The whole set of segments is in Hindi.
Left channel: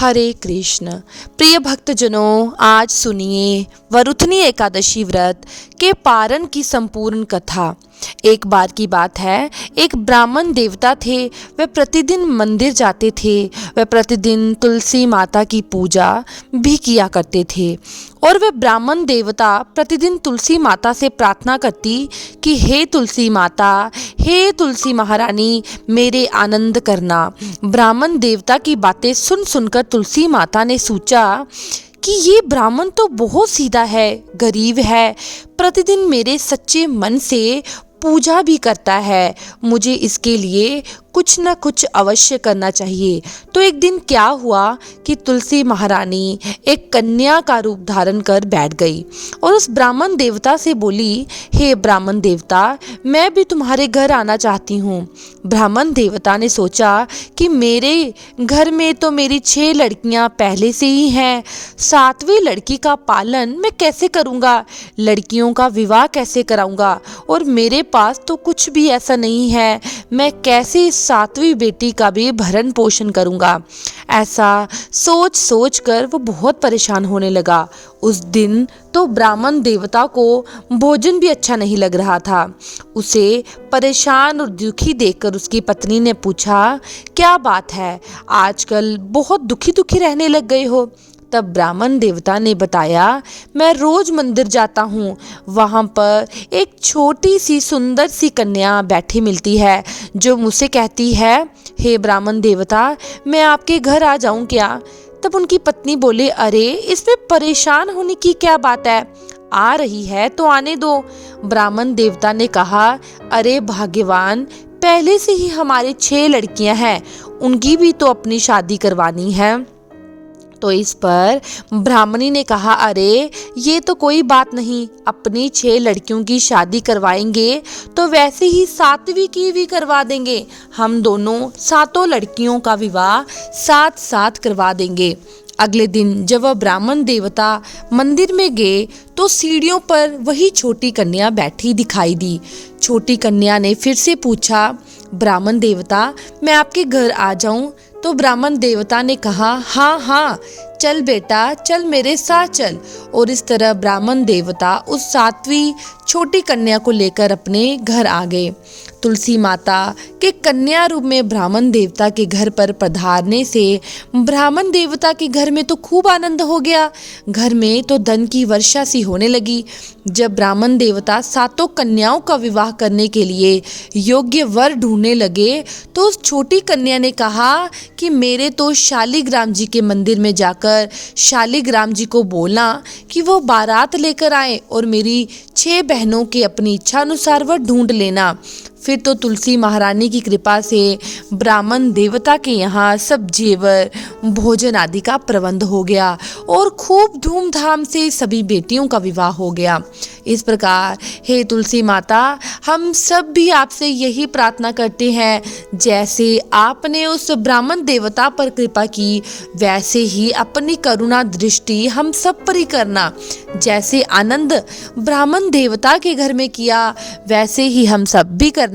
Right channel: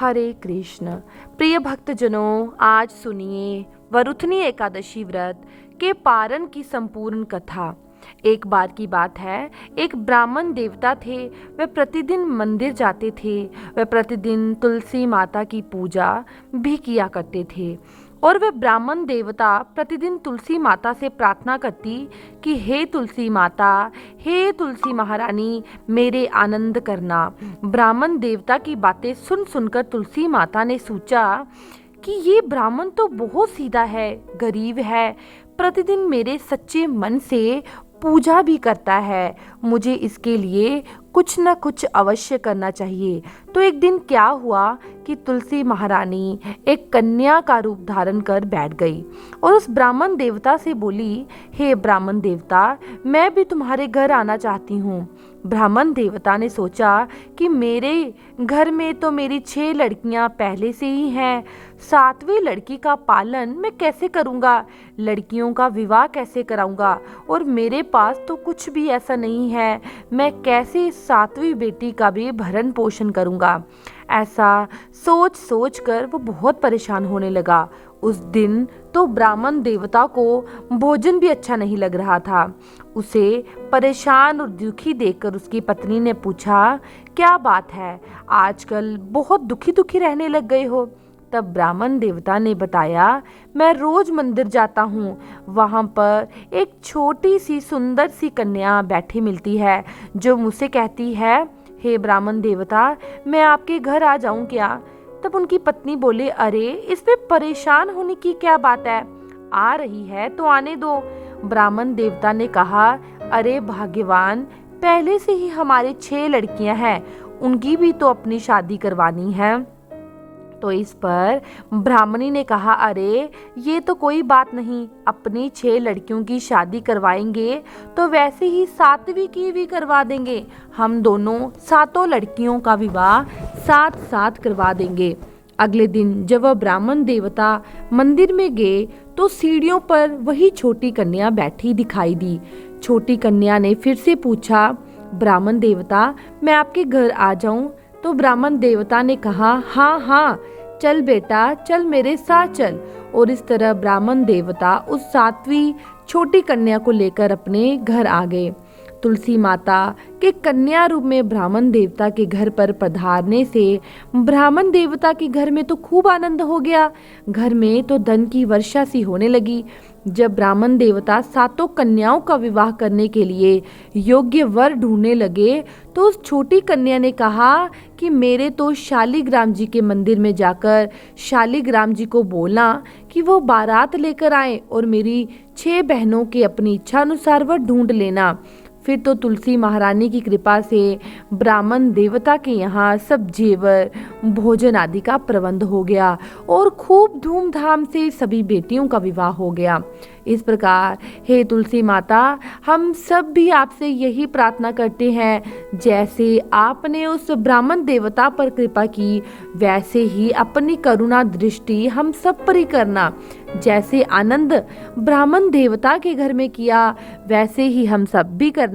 हरे कृष्ण। प्रिय भक्तजनों, आज सुनिए वरुथनी एकादशी व्रत के पारण की संपूर्ण कथा। एक बार की बात है, एक ब्राह्मण देवता थे। वे प्रतिदिन मंदिर जाते थे। वे प्रतिदिन तुलसी माता की पूजा भी किया करते थे। और वे ब्राह्मण देवता प्रतिदिन तुलसी माता से प्रार्थना करती कि हे तुलसी माता, हे तुलसी महारानी, मेरे आनंद करना। ब्राह्मण देवता की बातें सुन सुनकर तुलसी माता ने सोचा कि ये ब्राह्मण तो बहुत सीधा है, गरीब है, प्रतिदिन मेरे सच्चे मन से पूजा भी करता है। मुझे इसके लिए कुछ न कुछ अवश्य करना चाहिए। तो एक दिन क्या हुआ कि तुलसी महारानी एक कन्या का रूप धारण कर बैठ गई और उस ब्राह्मण देवता से बोली, हे ब्राह्मण देवता, मैं भी तुम्हारे घर आना चाहती हूँ। ब्राह्मण देवता ने सोचा कि मेरे घर में तो मेरी 6 लड़कियाँ पहले से ही हैं, 7वीं लड़की का पालन मैं कैसे करूँगा, लड़कियों का विवाह कैसे कराऊँगा, और मेरे पास तो कुछ भी ऐसा नहीं है, मैं कैसे 7वीं बेटी का भी भरण पोषण करूंगा। ऐसा सोच सोच कर वो बहुत परेशान होने लगा। उस दिन तो ब्राह्मण देवता को भोजन भी अच्छा नहीं लग रहा था। उसे परेशान और दुखी देखकर उसकी पत्नी ने पूछा, क्या बात है, आजकल बहुत दुखी दुखी रहने लग गए हो। तब ब्राह्मण देवता ने बताया, मैं रोज मंदिर जाता हूँ, वहाँ पर एक छोटी सी सुंदर सी कन्या बैठी मिलती है जो मुझसे कहती है, हे ब्राह्मण देवता, मैं आपके घर आ जाऊँ क्या। तब उनकी पत्नी बोले, अरे इसमें परेशान होने की क्या बात है, आ रही है तो आने दो। ब्राह्मण देवता ने कहा, अरे भाग्यवान, पहले से ही हमारे 6 लड़कियां हैं, उनकी भी तो अपनी शादी करवानी है। तो इस पर ब्राह्मणी ने कहा, अरे ये तो कोई बात नहीं, अपनी 6 लड़कियों की शादी करवाएंगे तो वैसे ही 7वीं की भी करवा देंगे। हम दोनों 7 लड़कियों का विवाह साथ साथ करवा देंगे। अगले दिन जब वह ब्राह्मण देवता मंदिर में गए तो सीढ़ियों पर वही छोटी कन्या बैठी दिखाई दी। छोटी कन्या ने फिर से पूछा, ब्राह्मण देवता, मैं आपके घर आ जाऊं। तो ब्राह्मण देवता ने कहा, हाँ हाँ, चल बेटा, चल मेरे साथ चल। और इस तरह ब्राह्मण देवता उस 7वीं छोटी कन्या को लेकर अपने घर आ गए। तुलसी माता के कन्या रूप में ब्राह्मण देवता के घर पर पधारने से ब्राह्मण देवता के घर में तो खूब आनंद हो गया। घर में तो धन की वर्षा सी होने लगी। जब ब्राह्मण देवता 7 कन्याओं का विवाह करने के लिए योग्य वर ढूंढने लगे तो उस छोटी कन्या ने कहा कि मेरे तो शालिग्राम जी के मंदिर में जाकर शालिग्राम जी को बोलना कि वो बारात लेकर आए और मेरी 6 बहनों के अपनी इच्छा अनुसार वह ढूंढ लेना। फिर तो तुलसी महारानी की कृपा से ब्राह्मण देवता के यहाँ सब जेवर, भोजन आदि का प्रबंध हो गया और खूब धूमधाम से सभी बेटियों का विवाह हो गया। इस प्रकार हे तुलसी माता, हम सब भी आपसे यही प्रार्थना करते हैं, जैसे आपने उस ब्राह्मण देवता पर कृपा की, वैसे ही अपनी करुणा दृष्टि हम सब पर ही करना। जैसे आनंद ब्राह्मण देवता के घर में किया, वैसे ही हम सब भी करना।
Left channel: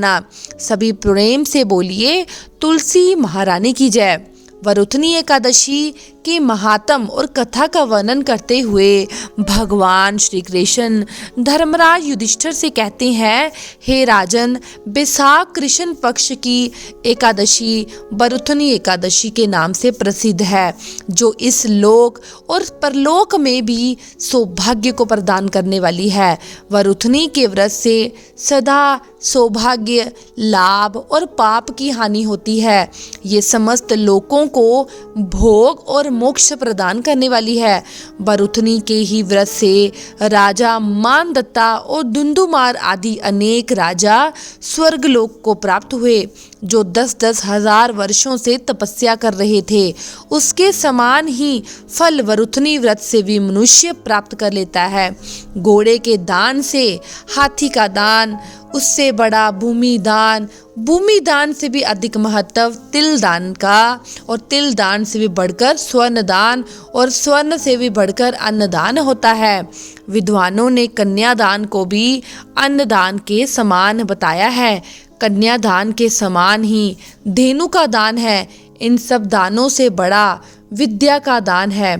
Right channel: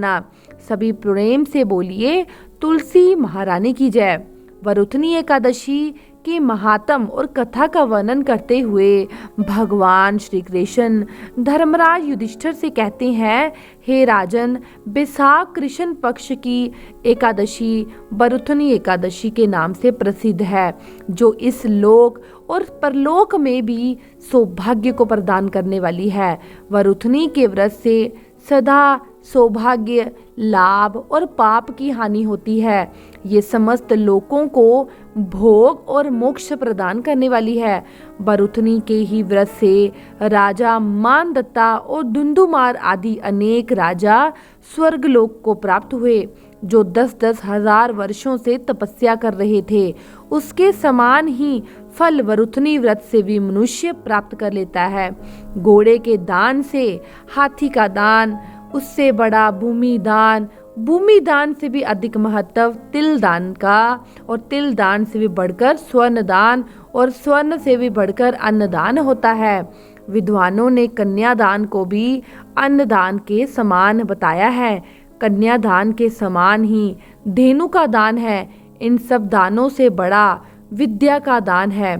सभी प्रेम से बोलिए, तुलसी महारानी की जय। वरुथनी एकादशी के महात्म और कथा का वर्णन करते हुए भगवान श्री कृष्ण धर्मराज युधिष्ठिर से कहते हैं, हे राजन, बैसाख कृष्ण पक्ष की एकादशी वरुथनी एकादशी के नाम से प्रसिद्ध है, जो इस लोक और परलोक में भी सौभाग्य को प्रदान करने वाली है। वरुथनी के व्रत से सदा सौभाग्य, लाभ और पाप की हानि होती है। ये समस्त लोकों को भोग और मोक्ष प्रदान करने वाली है। वरुथनी के ही व्रत से राजा मानदत्ता और धुंधुमार आदि अनेक राजा स्वर्गलोक को प्राप्त हुए, जो 10-10 हजार वर्षों से तपस्या कर रहे थे। उसके समान ही फल वरुथनी व्रत से भी मनुष्य प्राप्त कर लेता है। घोड़े के दान से हाथी का दान, उससे बड़ा भूमि दान से भी अधिक महत्व तिल दान का, और तिल दान से भी बढ़कर स्वर्ण दान, और स्वर्ण से भी बढ़कर अन्नदान होता है। विद्वानों ने कन्यादान को भी अन्नदान के समान बताया है। कन्यादान के समान ही धेनु का दान है। इन सब दानों से बड़ा विद्या का दान है।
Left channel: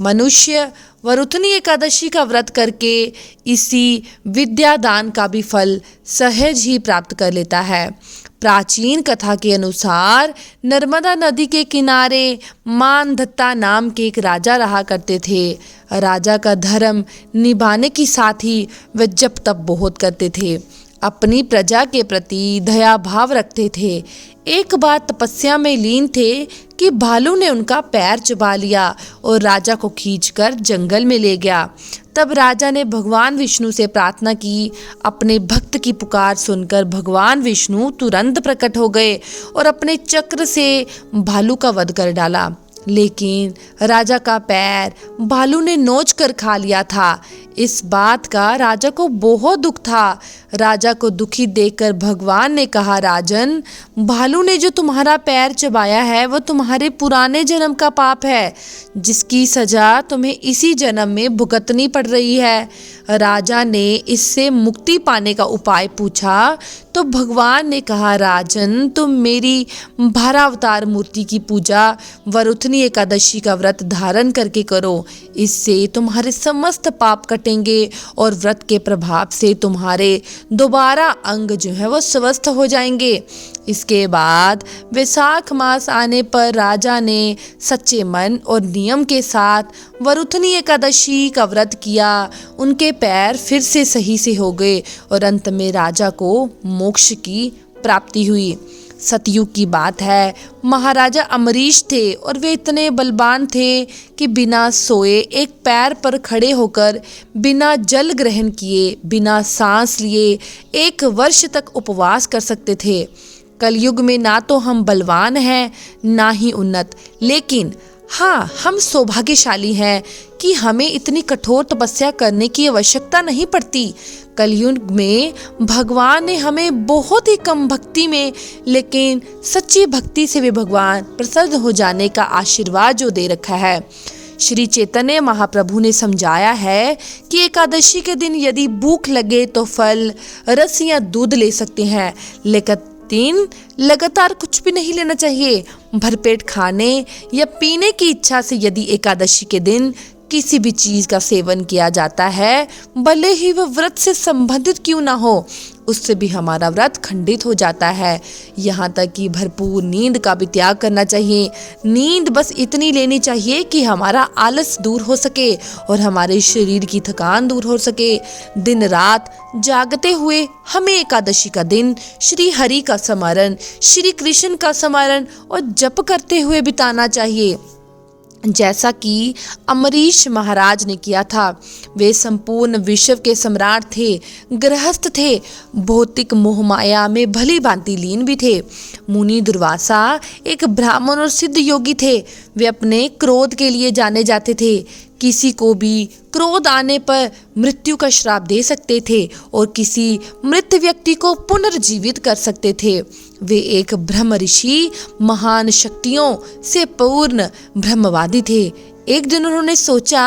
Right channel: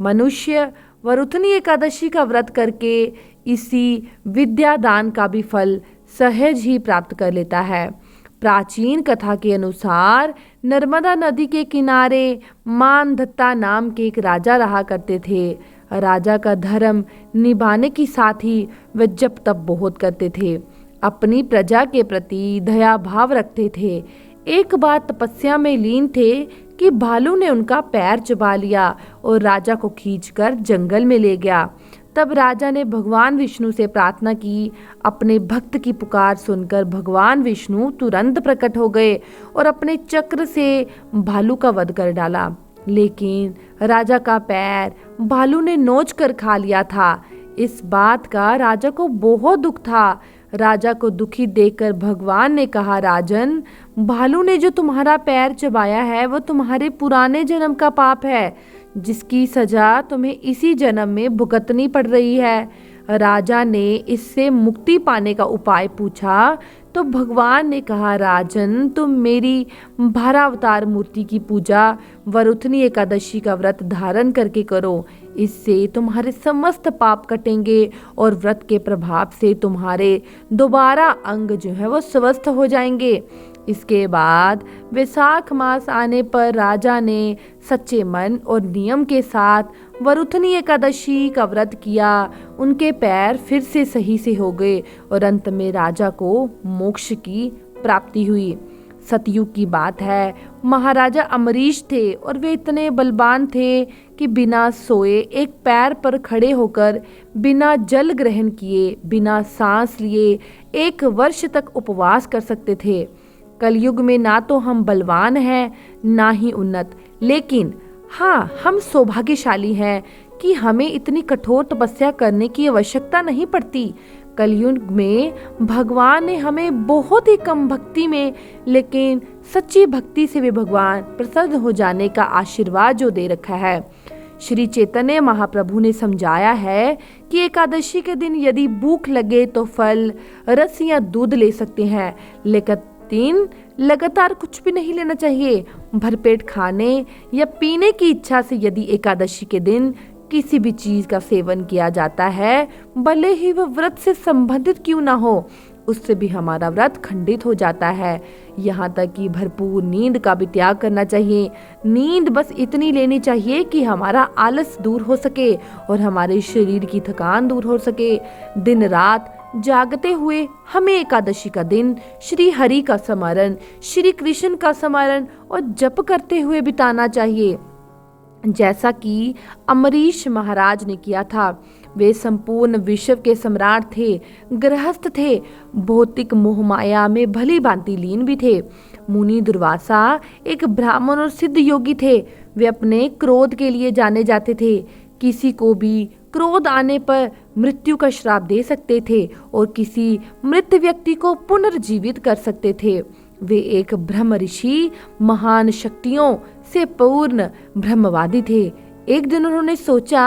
मनुष्य वरुथनी एकादशी का व्रत करके इसी विद्या दान का भी फल सहज ही प्राप्त कर लेता है। प्राचीन कथा के अनुसार नर्मदा नदी के किनारे मानधत्ता नाम के एक राजा रहा करते थे। राजा का धर्म निभाने के साथ ही वह जप तप बहुत करते थे, अपनी प्रजा के प्रति दया भाव रखते थे। एक बार तपस्या में लीन थे कि भालू ने उनका पैर चबा लिया और राजा को खींचकर जंगल में ले गया। तब राजा ने भगवान विष्णु से प्रार्थना की। अपने भक्त की पुकार सुनकर भगवान विष्णु तुरंत प्रकट हो गए और अपने चक्र से भालू का वध कर डाला। लेकिन राजा का पैर भालू ने नोच कर खा लिया था। इस बात का राजा को बहुत दुख था। राजा को दुखी देखकर भगवान ने कहा, राजन, भालू ने जो तुम्हारा पैर चबाया है वह तुम्हारे पुराने जन्म का पाप है, जिसकी सजा तुम्हें इसी जन्म में भुगतनी पड़ रही है। राजा ने इससे मुक्ति पाने का उपाय पूछा तो भगवान ने कहा, राजन, तुम मेरी भारावतार मूर्ति की पूजा वरुथनी एकादशी का व्रत धारण करके करो। इससे तुम्हारे समस्त पाप कटेंगे और व्रत के प्रभाव से तुम्हारे दोबारा अंग जो है वो स्वस्थ हो जाएंगे। इसके बाद वैशाख मास आने पर राजा ने सच्चे मन और नियम के साथ वरुथनी एकादशी का व्रत किया। उनके पैर फिर से सही से हो गए और अंत में राजा को मोक्ष की प्राप्ति हुई। सतयुग की बात है, महाराजा अमरीश थे और वे इतने बलवान थे कि बिना सोए एक पैर पर खड़े होकर बिना जल ग्रहण किए, बिना सांस लिए 1 वर्ष तक उपवास कर सकते थे। कलयुग में ना तो हम बलवान हैं ना ही उन्नत, लेकिन हाँ, हम सौभाग्यशाली हैं कि हमें इतनी कठोर तपस्या करने की आवश्यकता नहीं पड़ती। कलयुग में भगवान ने हमें बहुत ही कम भक्ति में लेकिन सच्ची भक्ति से भी भगवान प्रसन्न हो जाने का आशीर्वाद जो दे रखा है। श्री चैतन्य महाप्रभु ने समझाया है कि एकादशी के दिन यदि भूख लगे तो फल, रस या दूध ले सकते हैं, लेकिन लगातार कुछ भी नहीं लेना चाहिए। भरपेट खाने या पीने की इच्छा से यदि एकादशी के दिन किसी भी चीज का सेवन किया जाता है, भले ही वह व्रत से संबंधित क्यों ना हो, उससे भी हमारा व्रत खंडित हो जाता है। यहाँ तक कि भरपूर नींद का भी त्याग करना चाहिए। नींद बस इतनी लेनी चाहिए कि हमारा आलस दूर हो सके और हमारे शरीर की थकान दूर हो सके। दिन रात जागते हुए हमें एकादशी का दिन श्री हरि का स्मरण, श्री कृष्ण का स्मरण और जप करते हुए बिताना चाहिए, जैसा कि अमरीश महाराज ने किया था। वे संपूर्ण विश्व के सम्राट थे, गृहस्थ थे, भौतिक मोहमाया में भली भांति लीन भी थे। मुनि दुर्वासा एक ब्राह्मण और सिद्ध योगी थे। वे अपने क्रोध के लिए जाने जाते थे। किसी को भी क्रोध आने पर मृत्यु का श्राप दे सकते थे और किसी मृत व्यक्ति को पुनर्जीवित कर सकते थे। वे एक ब्रह्म ऋषि, महान शक्तियों से पूर्ण ब्रह्मवादी थे। एक दिन उन्होंने सोचा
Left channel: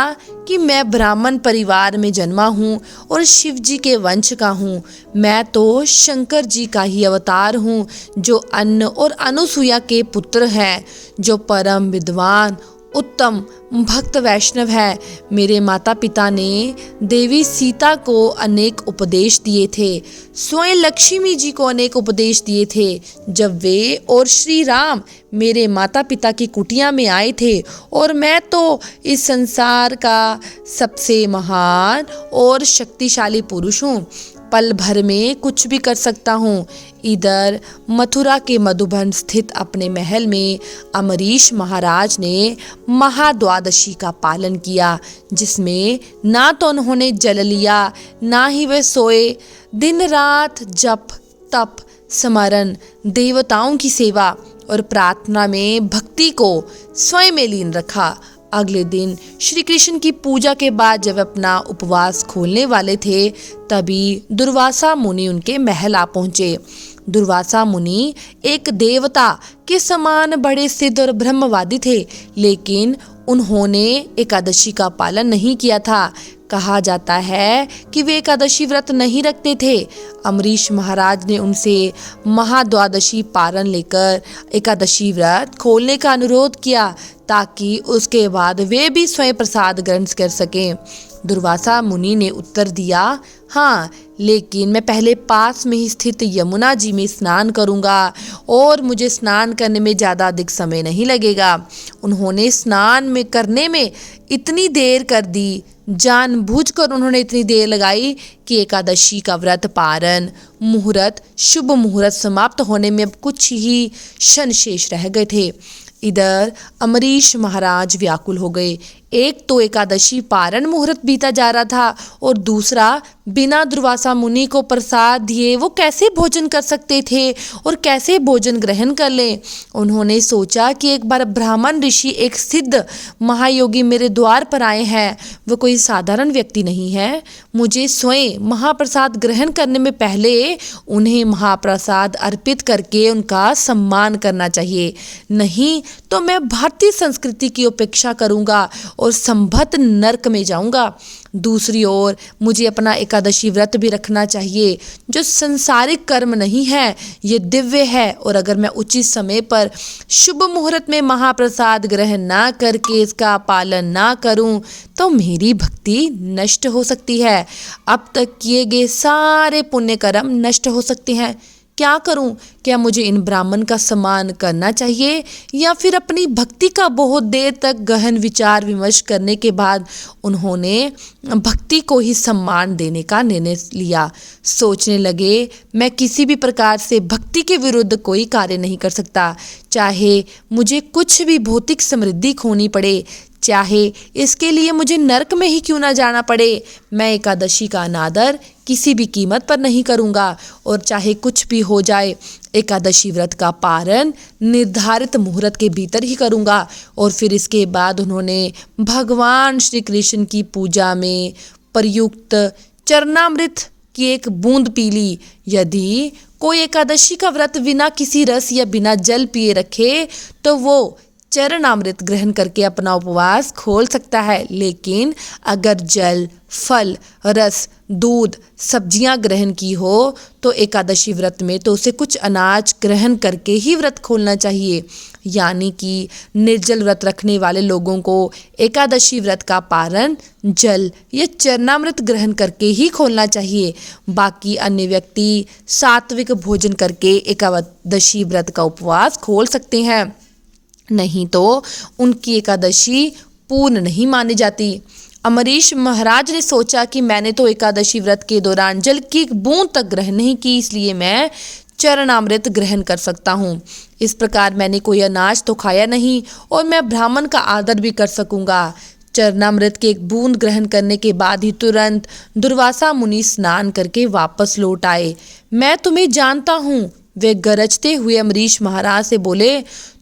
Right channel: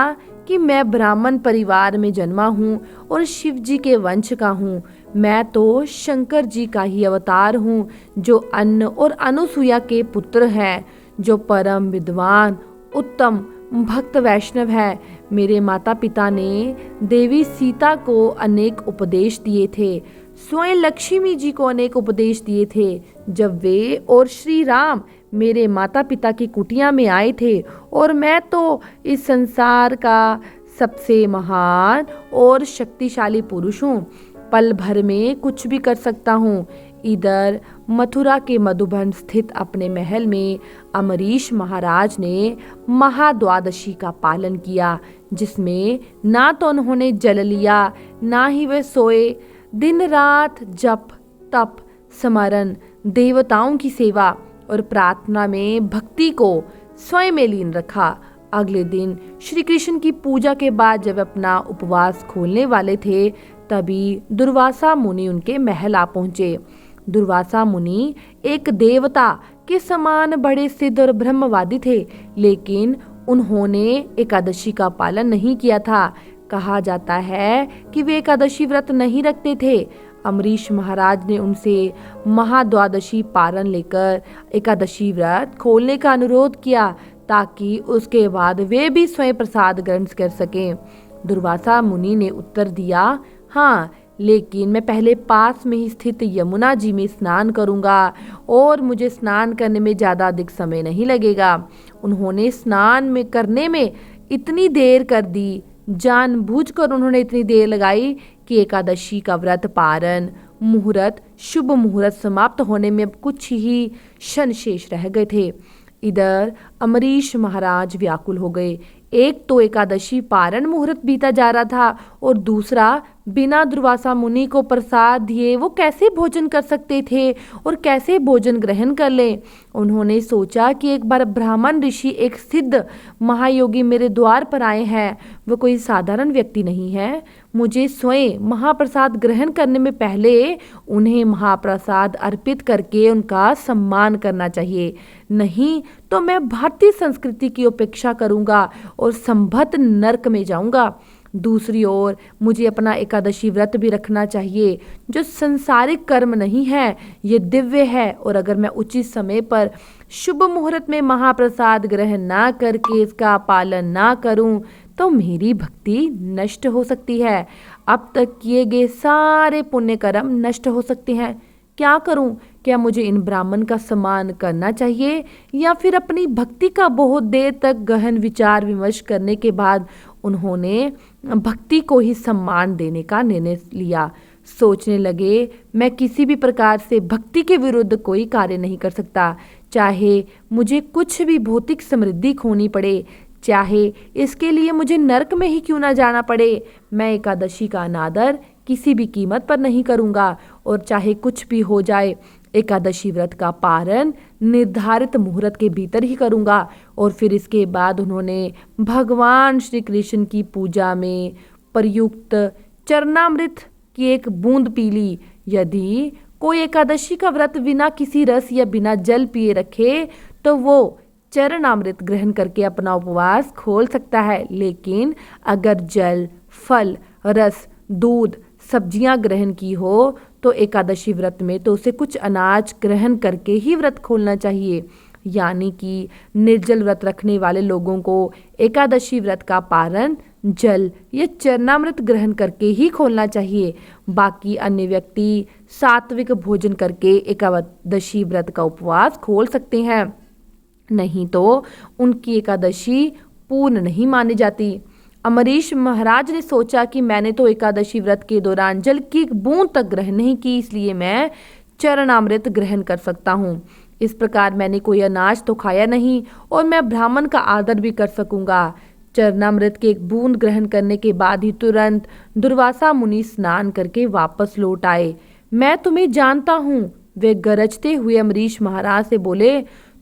कि मैं ब्राह्मण परिवार में जन्मा हूँ और शिव जी के वंश का हूँ। मैं तो शंकर जी का ही अवतार हूँ, जो अन्न और अनुसुईया के पुत्र हैं, जो परम विद्वान उत्तम भक्त वैष्णव है। मेरे माता पिता ने देवी सीता को अनेक उपदेश दिए थे, स्वयं लक्ष्मी जी को अनेक उपदेश दिए थे। जब वे और श्री राम मेरे माता पिता की कुटिया में आए थे और मैं तो इस संसार का सबसे महान और शक्तिशाली पुरुष हूँ, पल भर में कुछ भी कर सकता हूँ। इधर मथुरा के मधुबन स्थित अपने महल में अमरीश महाराज ने महाद्वादशी का पालन किया, जिसमें ना तो उन्होंने जल लिया ना ही वे सोए। दिन रात जप तप स्मरण, देवताओं की सेवा और प्रार्थना में भक्ति को स्वयं में लीन रखा। अगले दिन श्री कृष्ण की पूजा के बाद जब अपना उपवास खोलने वाले थे, तभी दुर्वासा मुनि उनके महल आ पहुंचे। दुर्वासा मुनि एक देवता के समान बड़े सिद्ध और ब्रह्मवादी थे, लेकिन उन्होंने एकादशी का पालन नहीं किया था। कहा जाता है कि वे एकादशी व्रत नहीं रखते थे। अम्बरीश महाराज ने उनसे महाद्वादशी पारण लेकर एकादशी व्रत खोलने का अनुरोध किया ताकि उसके बाद वे भी स्वयं प्रसाद ग्रहण कर सकें। दुर्वासा मुनि ने उत्तर दिया, हाँ, लेकिन मैं पहले पास में ही स्थित यमुना जी में स्नान करूंगा और मुझे स्नान करने में ज़्यादा अधिक समय नहीं लगेगा। उन्होंने स्नान में करने में इतनी देर कर दी, जानबूझकर उन्होंने इतनी देर लगाई कि एकादशी का व्रत पारण मुहूर्त शुभ मुहूर्त समाप्त होने में अब कुछ ही क्षण शेष रह गए थे। इधर अम्बरीश महाराज व्याकुल हो गए। एक तो एकादशी पारण मुहूर्त बीता जा रहा था और दूसरा बिना दुर्वासा मुनि को प्रसाद दिए वो कैसे भोजन कर सकते थे और कैसे भोजन ग्रहण कर लें। उन्होंने सोचा कि एक बार ब्राह्मण ऋषि, एक सिद्ध महायोगी मेरे द्वार पर आए हैं, वो कोई साधारण व्यक्ति नहीं है। मुझे स्वयं महाप्रसाद ग्रहण करने में पहले उन्हें महाप्रसाद अर्पित करके उनका सम्मान करना चाहिए, नहीं तो मैं भारतीय संस्कृति की उपेक्षा करूंगा और संभत नरक में जाऊंगा। दूसरी ओर मुझे अपना एकादशी व्रत भी रखना चाहिए, जो संसारिक कर्म नहीं है, ये दिव्य है, और अगर मैं उचित समय पर शुभ मुहूर्त में महाप्रसाद ग्रहण ना करके इसका पालन ना करूं तो मेरी भक्ति नष्ट हो सकती है। अब तक किए गए सारे पुण्य कर्म नष्ट हो सकते हैं। क्या करूं? क्या मुझे इन ब्राह्मण का सम्मान करना चाहिए या फिर अपनी भक्ति का बहुत देर तक गहन विचार विमर्श करने के बाद उन्होंने भक्ति को ही सम्मान देने का निर्णय लिया। सोचने लगे, मैं किसी भी प्रकार से भक्ति के विरुद्ध कोई कार्य नहीं कर सकता, चाहे मुझे कुछ भी भौतिक समृद्धि खोनी पड़े, चाहे इसके लिए मुझे नरक में ही क्यों ना जाना पड़े। मैं एकादशी का अनादर किसी भी कीमत पर नहीं करूँगा और चाहे कुछ भी हो जाए एकादशी व्रत का पारण निर्धारित मुहूर्त के भीतर ही करूँगा। और फिर इसके बाद उन्होंने भगवान श्री कृष्ण की पूजा में प्रयुक्त चरणामृत की एक बूंद पी ली। यदि कोई एकादशी का व्रत बिना किसी रस या बिना जल पिए रखे तो वो चरणामृत ग्रहण करके अपना उपवास खोल सकता है, लेकिन अगर जल, फल, रस, दूध, सब्जियां ग्रहण की हो तो एकादशी व्रत में तो उसे कुछ अनाज ग्रहण करके ही व्रत खोलना चाहिए। यानी कि निर्जल व्रत रखने वाले लोगों को एकादशी व्रत का पारण जल या चरणामृत ग्रहण करके ही खोलना चाहिए। बाकी अन्य व्यक्ति सात्विक भोजन करके एकादशी व्रत का उपवास खोल सकते हैं, नहीं तो उनकी एकादशी पूर्ण नहीं मानी जाती। अम्बरीश महाराज ने सोचा कि मैंने तो एकादशी व्रत के दौरान जल की एक बूंद तक ग्रहण नहीं की, इसलिए मैं चरणामृत ग्रहण कर सकता हूँ। इस प्रकार मैंने कोई अनाज तो खाया नहीं और मैं ब्राह्मण का आदर भी कर सकूँगा। चरणामृत के एक बूंद ग्रहण करने के बाद ही तुरंत दुर्वासा मुनि स्नान करके वापस लौट आए। मैं तुम्हें जानता हूँ, वे गरजते हुए अम्बरीश महाराज से बोले,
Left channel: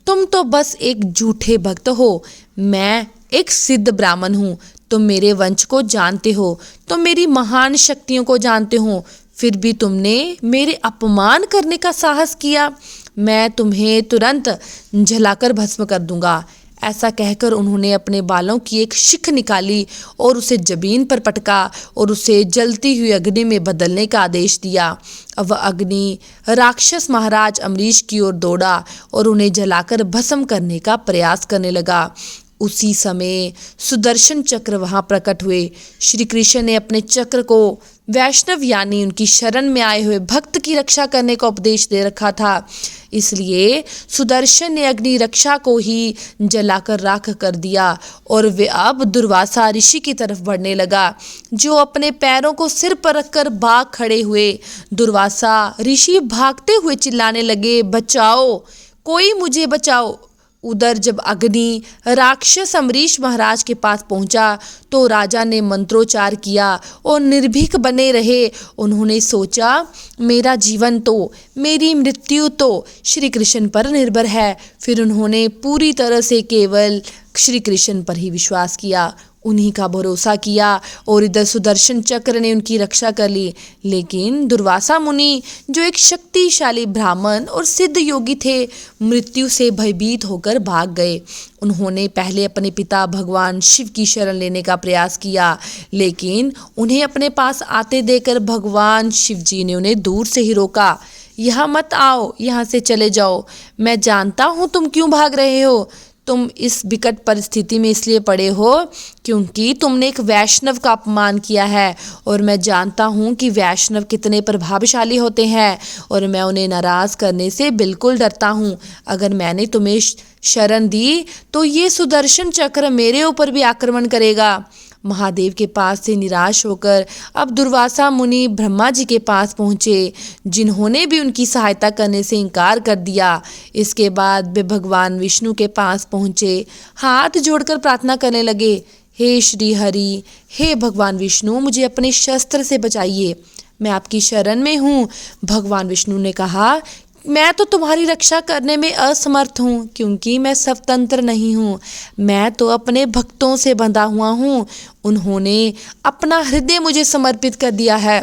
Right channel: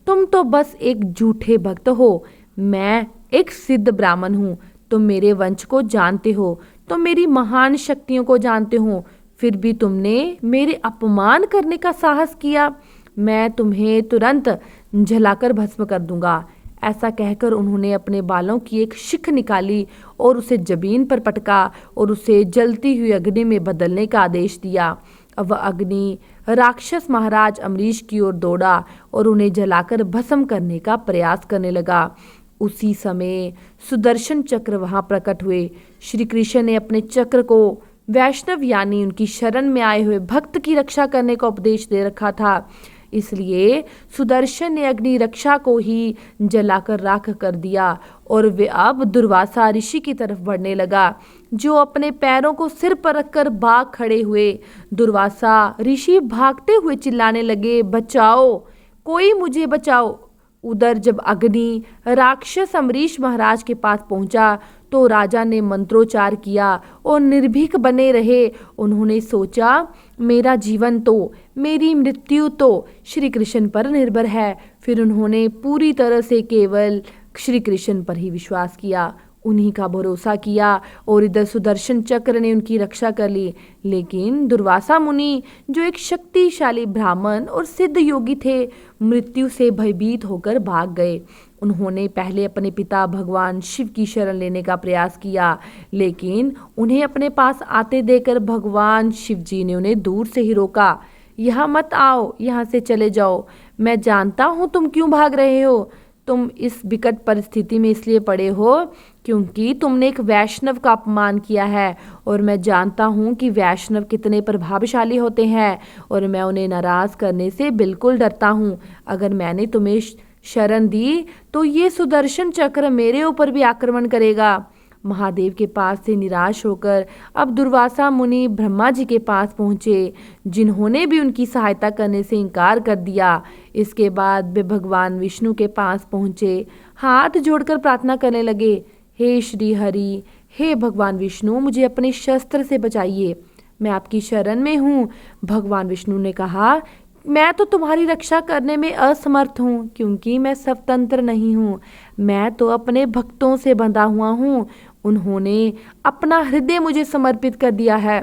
तुम तो बस एक झूठे भक्त हो। मैं एक सिद्ध ब्राह्मण हूँ, तुम मेरे वंश को जानते हो, तुम मेरी महान शक्तियों को जानते हो, फिर भी तुमने मेरे अपमान करने का साहस किया। मैं तुम्हें तुरंत जलाकर भस्म कर दूंगा। ऐसा कहकर उन्होंने अपने बालों की एक शिख निकाली और उसे जमीन पर पटका और उसे जलती हुई अग्नि में बदलने का आदेश दिया। अब वह अग्नि राक्षस महाराज अम्बरीश की ओर दौड़ा और उन्हें जलाकर भस्म करने का प्रयास करने लगा। उसी समय सुदर्शन चक्र वहां प्रकट हुए। श्री कृष्ण ने अपने चक्र को वैष्णव यानी उनकी शरण में आए हुए भक्त की रक्षा करने का उपदेश दे रखा था, इसलिए सुदर्शन ने अग्नि रक्षा को ही जलाकर राख कर दिया और वे अब दुर्वासा ऋषि की तरफ बढ़ने लगा, जो अपने पैरों को सिर पर रखकर भाग खड़े हुए। दुर्वासा ऋषि भागते हुए चिल्लाने लगे, बचाओ, कोई मुझे बचाओ। उधर जब अग्नि राक्षस अम्बरीश महाराज के पास पहुंचा तो राजा ने मंत्रोच्चार किया और निर्भीक बने रहे। उन्होंने सोचा, मेरा जीवन तो, मेरी मृत्यु तो श्री कृष्ण पर निर्भर है। फिर उन्होंने पूरी तरह से केवल श्री कृष्ण पर ही विश्वास किया। उन्हीं का भरोसा किया और इधर सुदर्शन चक्र ने उनकी रक्षा कर ली। लेकिन दुर्वासा मुनि, जो एक शक्तिशाली ब्राह्मण और सिद्ध योगी थे, मृत्यु से भयभीत होकर भाग गए। उन्होंने पहले अपने पिता भगवान शिव की शरण लेने का प्रयास किया, लेकिन उन्हें अपने पास आते देखकर भगवान शिव जी ने उन्हें दूर से ही रोका। यहाँ मत आओ, यहाँ से चले जाओ। मैं जानता हूँ तुम क्यों भाग रहे हो। तुम इस विकट परिस्थिति में इसलिए पड़े हो क्योंकि तुमने एक वैष्णव का अपमान किया है, और मैं जानता हूँ कि वैष्णव कितने प्रभावशाली होते हैं, और मैं उन्हें नाराज करने से बिल्कुल डरता हूँ। अगर मैंने तुम्हें शरण दी तो ये सुदर्शन चक्र मेरे ऊपर भी आक्रमण करेगा। महादेव के पास से निराश होकर अब दुर्वासा मुनि ब्रह्मा जी के पास पहुँचे, जिन्होंने भी उनकी सहायता करने से इनकार कर दिया। इसके बाद वे भगवान विष्णु के पास पहुँचे, हाथ जोड़कर प्रार्थना करने लगे, हे श्री हरि, हे भगवान विष्णु, मुझे अपने शस्त्र से बचाइए, मैं आपकी शरण में हूँ। भगवान विष्णु ने कहा, मैं तो तुम्हारी रक्षा करने में असमर्थ हूँ, क्योंकि मैं स्वतंत्र नहीं हूँ। मैं तो अपने भक्तों से बंधा हुआ हूँ। उन्होंने अपना हृदय मुझे समर्पित कर दिया है,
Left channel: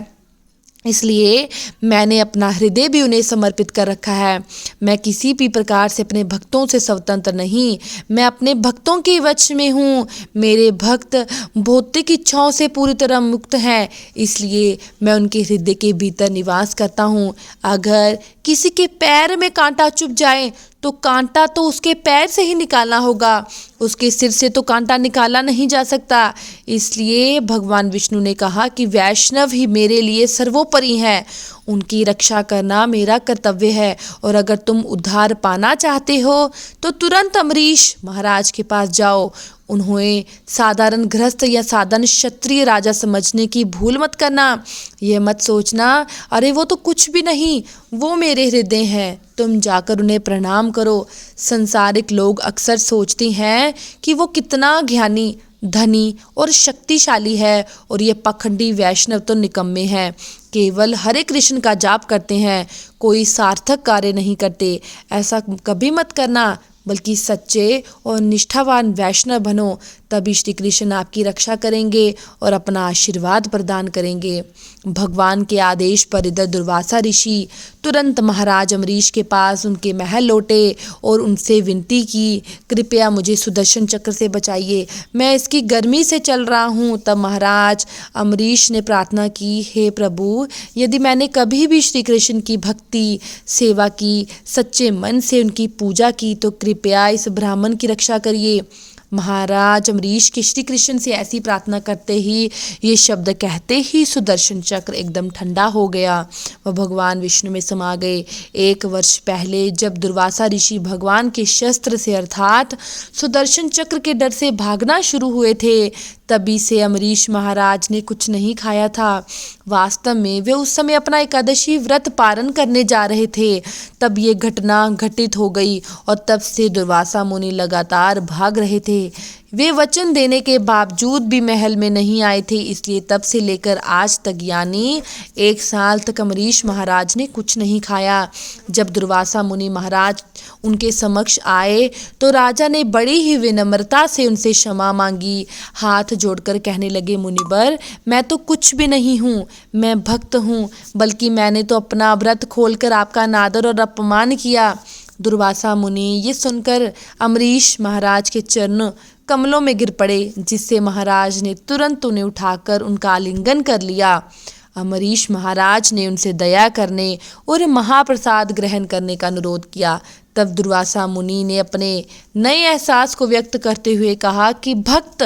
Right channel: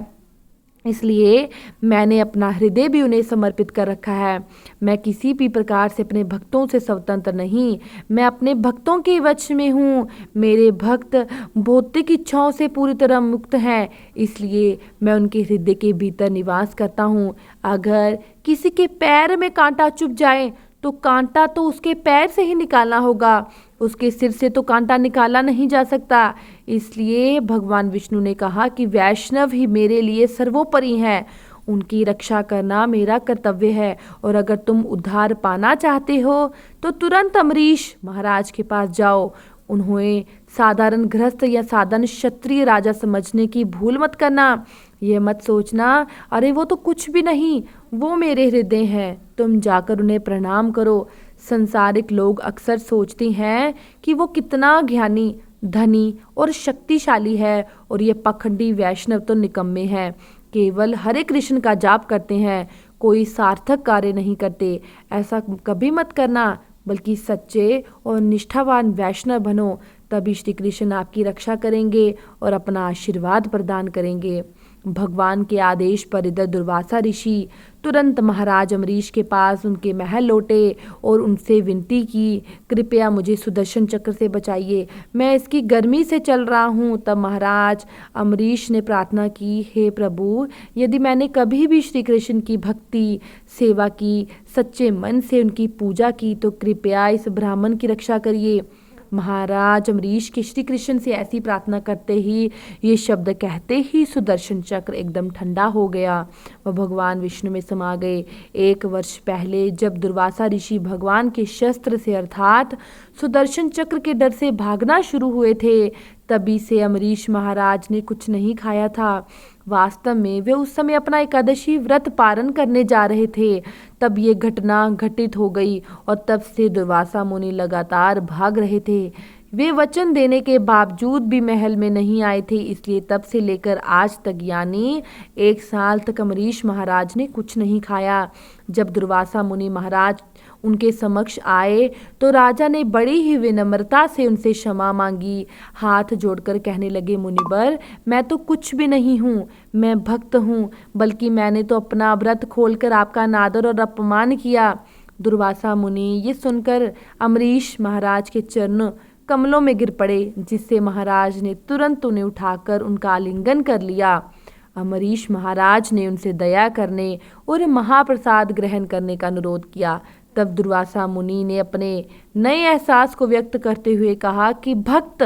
इसलिए मैंने अपना हृदय भी उन्हें समर्पित कर रखा है। मैं किसी भी प्रकार से अपने भक्तों से स्वतंत्र नहीं, मैं अपने भक्तों के वश में हूँ। मेरे भक्त भौतिक इच्छाओं से पूरी तरह मुक्त हैं, इसलिए मैं उनके हृदय के भीतर निवास करता हूँ। अगर किसी के पैर में कांटा चुभ जाए तो कांटा तो उसके पैर से ही निकालना होगा, उसके सिर से तो कांटा निकाला नहीं जा सकता। इसलिए भगवान विष्णु ने कहा कि वैष्णव ही मेरे लिए सर्वोपरि हैं, उनकी रक्षा करना मेरा कर्तव्य है। और अगर तुम उद्धार पाना चाहते हो तो तुरंत अम्बरीश महाराज के पास जाओ। उन्हें साधारण गृहस्थ या साधारण क्षत्रिय राजा समझने की भूल मत करना। यह मत सोचना, अरे वो तो कुछ भी नहीं, वो मेरे हृदय हैं। तुम जाकर उन्हें प्रणाम करो। संसारिक लोग अक्सर सोचते हैं कि वो कितना ज्ञानी, धनी और शक्तिशाली है, और ये पखंडी वैष्णव तो निकम्मे हैं, केवल हरे कृष्ण का जाप करते हैं, कोई सार्थक कार्य नहीं करते। ऐसा कभी मत करना, बल्कि सच्चे और निष्ठावान वैष्णव बनो, तभी श्री कृष्ण आपकी रक्षा करेंगे और अपना आशीर्वाद प्रदान करेंगे। भगवान के आदेश पर इधर दुर्वासा ऋषि तुरंत महाराज अम्बरीश के पास उनके महल लौटे और उनसे विनती की, कृपया मुझे सुदर्शन चक्र से बचाइए, मैं इसकी गर्मी से चल रहा हूँ। तब महाराज अम्बरीश ने प्रार्थना की, हे प्रभु, यदि मैंने कभी भी श्री कृष्ण की भक्ति सेवा की, सच्चे मन से उनकी पूजा की, तो कृपया इस ब्राह्मण की रक्षा करिए। महाराज अम्बरीश के श्री कृष्ण से ऐसी प्रार्थना करते ही, ये शब्द कहते ही सुदर्शन चक्र एकदम ठंडा हो गया, वह भगवान विष्णु में समा गए। 1 वर्ष पहले जब दुर्वासा ऋषि भगवान के शस्त्र से अर्थात सुदर्शन चक्र के डर से भागना शुरू हुए थे, तभी से अम्बरीश महाराज ने कुछ नहीं खाया था। वास्तव में वे उस समय अपना एकादशी व्रत पारण करने जा रहे थे, तब ये घटना घटित हो गई, और तब से दुर्वासा मुनि लगातार भाग रहे थे। वे वचन देने के बावजूद भी महल में नहीं आए थे, इसलिए तब से लेकर आज तक यानी 1 साल तक अम्बरीश महाराज ने कुछ नहीं खाया। जब दुर्वासा मुनि महाराज उनके समक्ष आए तो राजा ने बड़ी ही विनम्रता से उनसे क्षमा मांगी, हाथ जोड़कर कहने लगे, मुनिवर, मैं तो कुछ भी नहीं हूँ, मैं भक्त हूँ, बल्कि मैंने तो अपना व्रत खोलकर आपका अनादर और अपमान किया। दुर्वासा मुनि ये सुनकर अम्बरीश महाराज के चरण कमलों में गिर पड़े, जिससे महाराज ने तुरंत उन्हें उठाकर उनका आलिंगन कर लिया। अम्बरीश महाराज ने उनसे दया करने और महाप्रसाद ग्रहण करने का अनुरोध किया। तब दुर्वासा मुनि ने अपने नए एहसास को व्यक्त करते हुए कहा कि भक्त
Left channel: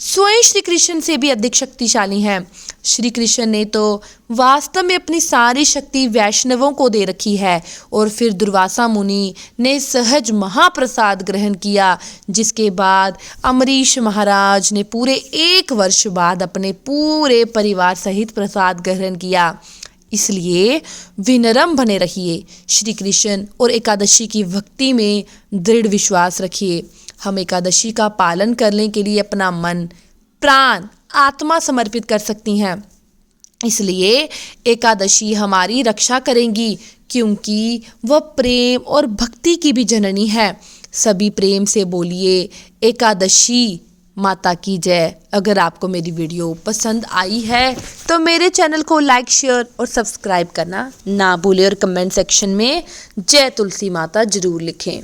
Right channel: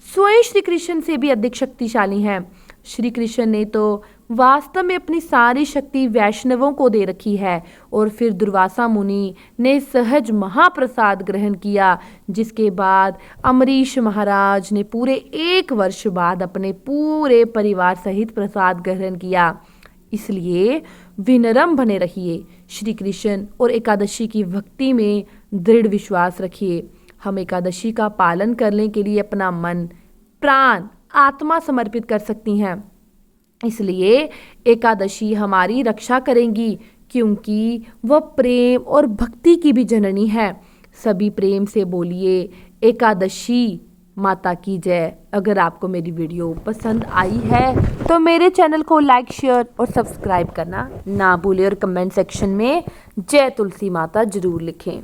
स्वयं श्री कृष्ण से भी अधिक शक्तिशाली हैं। श्री कृष्ण ने तो वास्तव में अपनी सारी शक्ति वैष्णवों को दे रखी है। और फिर दुर्वासा मुनि ने सहज महाप्रसाद ग्रहण किया, जिसके बाद अम्बरीश महाराज ने पूरे 1 वर्ष बाद अपने पूरे परिवार सहित प्रसाद ग्रहण किया। इसलिए विनम्र बने रहिए, श्री कृष्ण और एकादशी की भक्ति में दृढ़ विश्वास रखिए। हम एकादशी का पालन करने के लिए अपना मन, प्राण, आत्मा समर्पित कर सकती हैं। इसलिए एकादशी हमारी रक्षा करेंगी, क्योंकि वह प्रेम और भक्ति की भी जननी है। सभी प्रेम से बोलिए, एकादशी माता की जय। अगर आपको मेरी वीडियो पसंद आई है तो मेरे चैनल को लाइक, शेयर और सब्सक्राइब करना ना भूलें और कमेंट सेक्शन में जय तुलसी माता जरूर लिखें।